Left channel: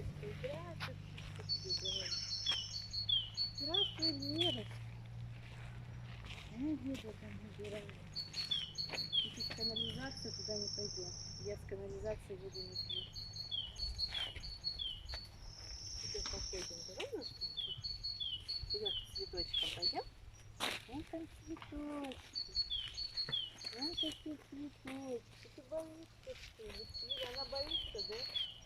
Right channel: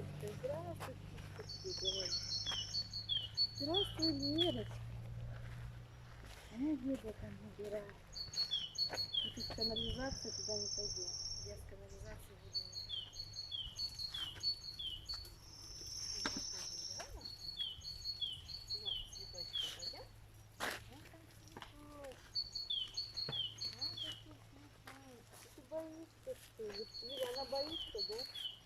Лерочка, здравствуй, птичка тебе говорит. Здравствуй, Лерочка. Ну, деда там набирает. И тут канализация, туда не пойдем. Я с канализации воду не пью. Теперь походим, давай ножками? Идем к цветочкам, пойдем? Вон там цветочки. Вон такие цветочки. Ты боишься, что ли? Или она боится, да?